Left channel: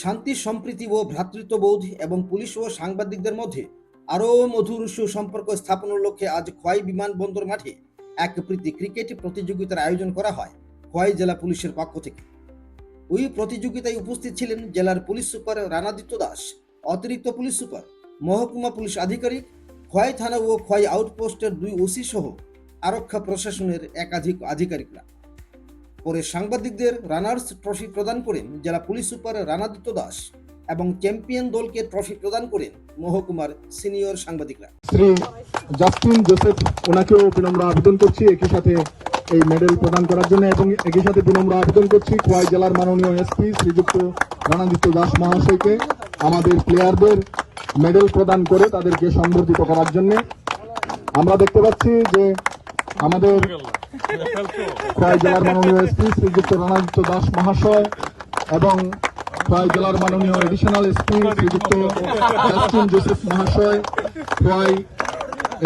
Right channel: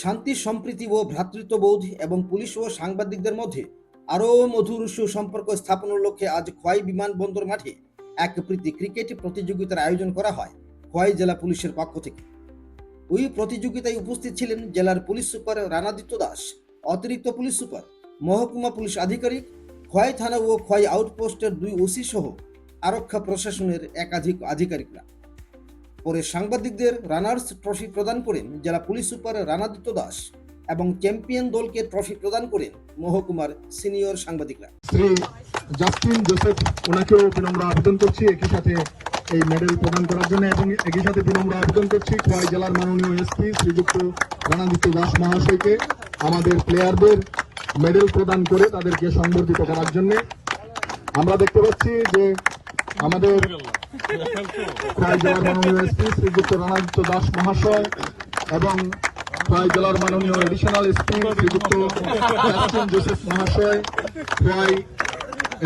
শান্তি সম্প্রীতি ও ভ্রাতৃত্ববোধ এবং পুলিশ ও সাংবাদিকদের মধ্যে আরও মধুর সুসম্পর্ক স্থাপনের লক্ষ্যে আজ খোয়াই বিমানবন্দর মাঠে এক প্রীতি ক্রিকেট প্রতিযোগিতার আয়োজন করা হয় খোয়াই জেলা পুলিশের পক্ষ থেকে। ওই প্রতিযোগিতায় উপস্থিত ছিলেন জেলার পুলিশ সুপার রানাদিত্য দাস, অতিরিক্ত পুলিশ সুপার, মহকুমা পুলিশ আধিকারিক, খোয়াই থানা ও খোয়াই আউটপোস্টের 2 ওসি সহ আরক্ষা প্রশাসনের একাধিক আধিকারিকরা। পরে সাংবাদিকদের রানার্স ট্রফি প্রদান করেন জেলা পুলিশ সুপার রানাদিত্য দাস এবং চ্যাম্পিয়ন দলকে ট্রফি প্রদান করেন মহকুমার সিনিয়র সাংবাদিকরা। শ্রী জাস্টিন জোসেফ ওনাকেও বিনম্র আবেদন করছি একই সাথে এই মেডেল প্রদান করার জন্য, এবং একই সাথে বিনম্র আবেদন করছি খোয়াই জেলার মাননীয় এসপি শ্রীযুক্ত রানাদিত্য দাস মহাশয়কে আমাদের প্লেয়ারদের মেডেল প্রদান করে তাদেরকে সংবর্ধিত করার জন্য। আমরা দেখতে পাচ্ছি যে আমাদের খোয়াই জেলার মাননীয় এসপি শ্রীযুক্ত রানাদিত্য দাস মহাশয় এবং খোয়াই জেলার মাননীয় এডিশনাল এসপি শ্রীযুক্ত জাস্টিন জোসেফ মহাশয়, খোয়াই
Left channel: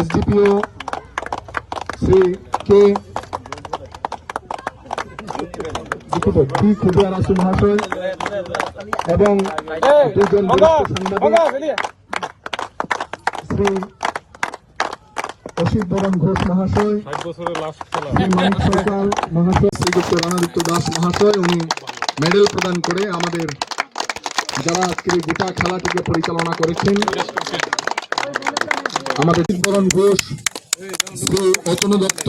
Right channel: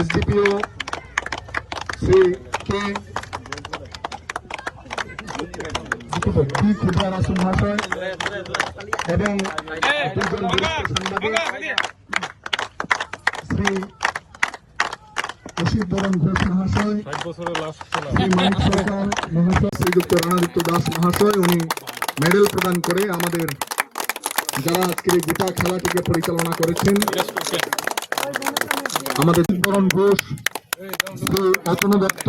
এসডিপিও শ্রী কে খুদিয়া রাসু মহাশয় এবং দুজন সাংবাদিক শ্রী অসিত বরণ ঘোষ মহাশয়, মহাশয় শ্রীযুক্ত রানাদিত্য দাস মহাশয়, উনি মেডেল প্রদান করে আমাদের যারা আজকের এই গোটা খেলাটিকে পরিচালনা করেছেন, আমাদের বরণ ঘোষ, শ্রী অতনু দত্ত,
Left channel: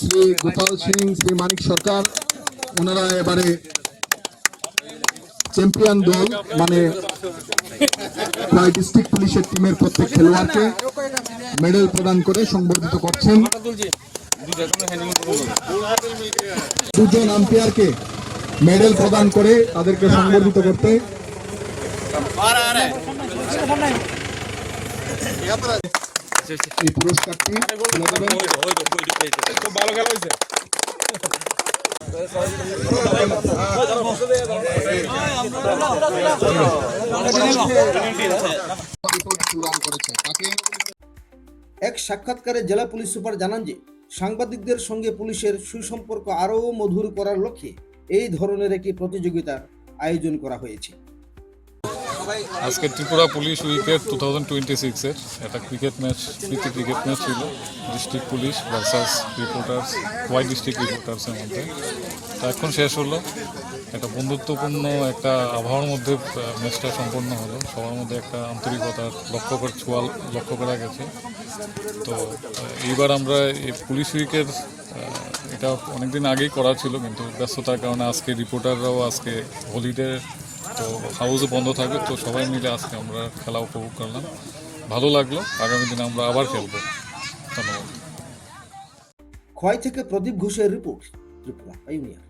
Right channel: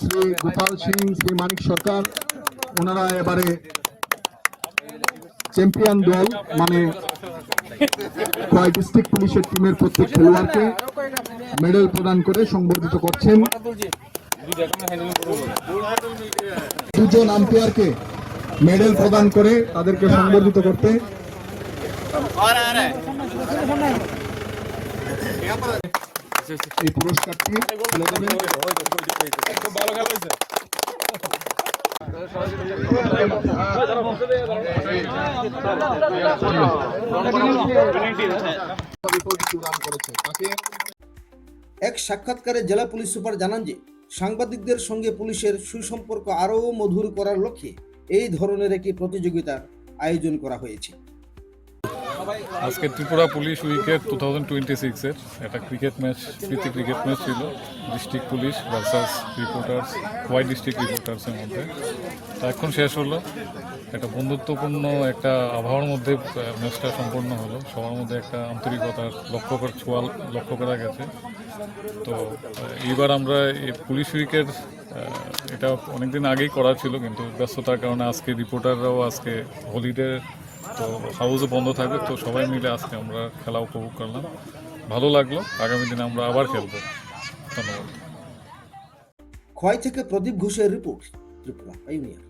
শ্রী গোপাল সিং, শ্রী মানিক সরকার, ওনারা এবারে চ্যাম্পিয়ন দল মানে খোয়াই ডিস্ট্রিক্ট পুলিশের টিমের প্রত্যেক খেলোয়াড়কে মেডেল প্রদান করে সংবর্ধিত করছেন। দুজন আম্পায়ারকে মেডেল প্রদান করে তাদেরকে সংবর্ধিত করতে এই পুরস্কারটি ভালো খেলা হয়েছে। এক সাক্ষাৎকারে জেলা পুলিশ সুপার জানান যে সাংবাদিকদের সঙ্গে পুলিশের সুসম্পর্ক আরও মধুর করার লক্ষ্যে এই ধরনের একটি প্রতিযোগিতার আয়োজন করা হয়েছে। আজকে ত্রিপুরা পুলিশ উইকের 2026-এর একটা ক্রিকেট ম্যাচ, প্রীতি ক্রিকেট ম্যাচ ছিল district police versus reporters, Khowai district রিপোর্টার্সের মধ্যে। তো এখন শেষ হলো, একটা বন্ধুত্বপূর্ণ একটা আবহাওয়ার মধ্যে ম্যাচটা সম্পূর্ণ হলো। সবার মধ্যে একটা আন্তরিকতার লক্ষ্য করা গেছে। তো এইবার আমরা এই পুলিশ উইকের এটা অনেকদিন আগেই করা ছিল, কিন্তু ব্যস্ততার কারণে আজকে রিপোর্টাররাও আজকে হলিডে, তো হাউসও বন্ধ থাকবে, তো সবাই মিলে আজকে আমরা খেলা উপভোগ করলাম, ভালো লাগলো। আগামী দিনে আমরা আবার খেলবো। ধন্যবাদ। খোয়াই থেকে প্রদীপ ঘোষের রিপোর্ট, ত্রিপুরা ইউনিয়ন।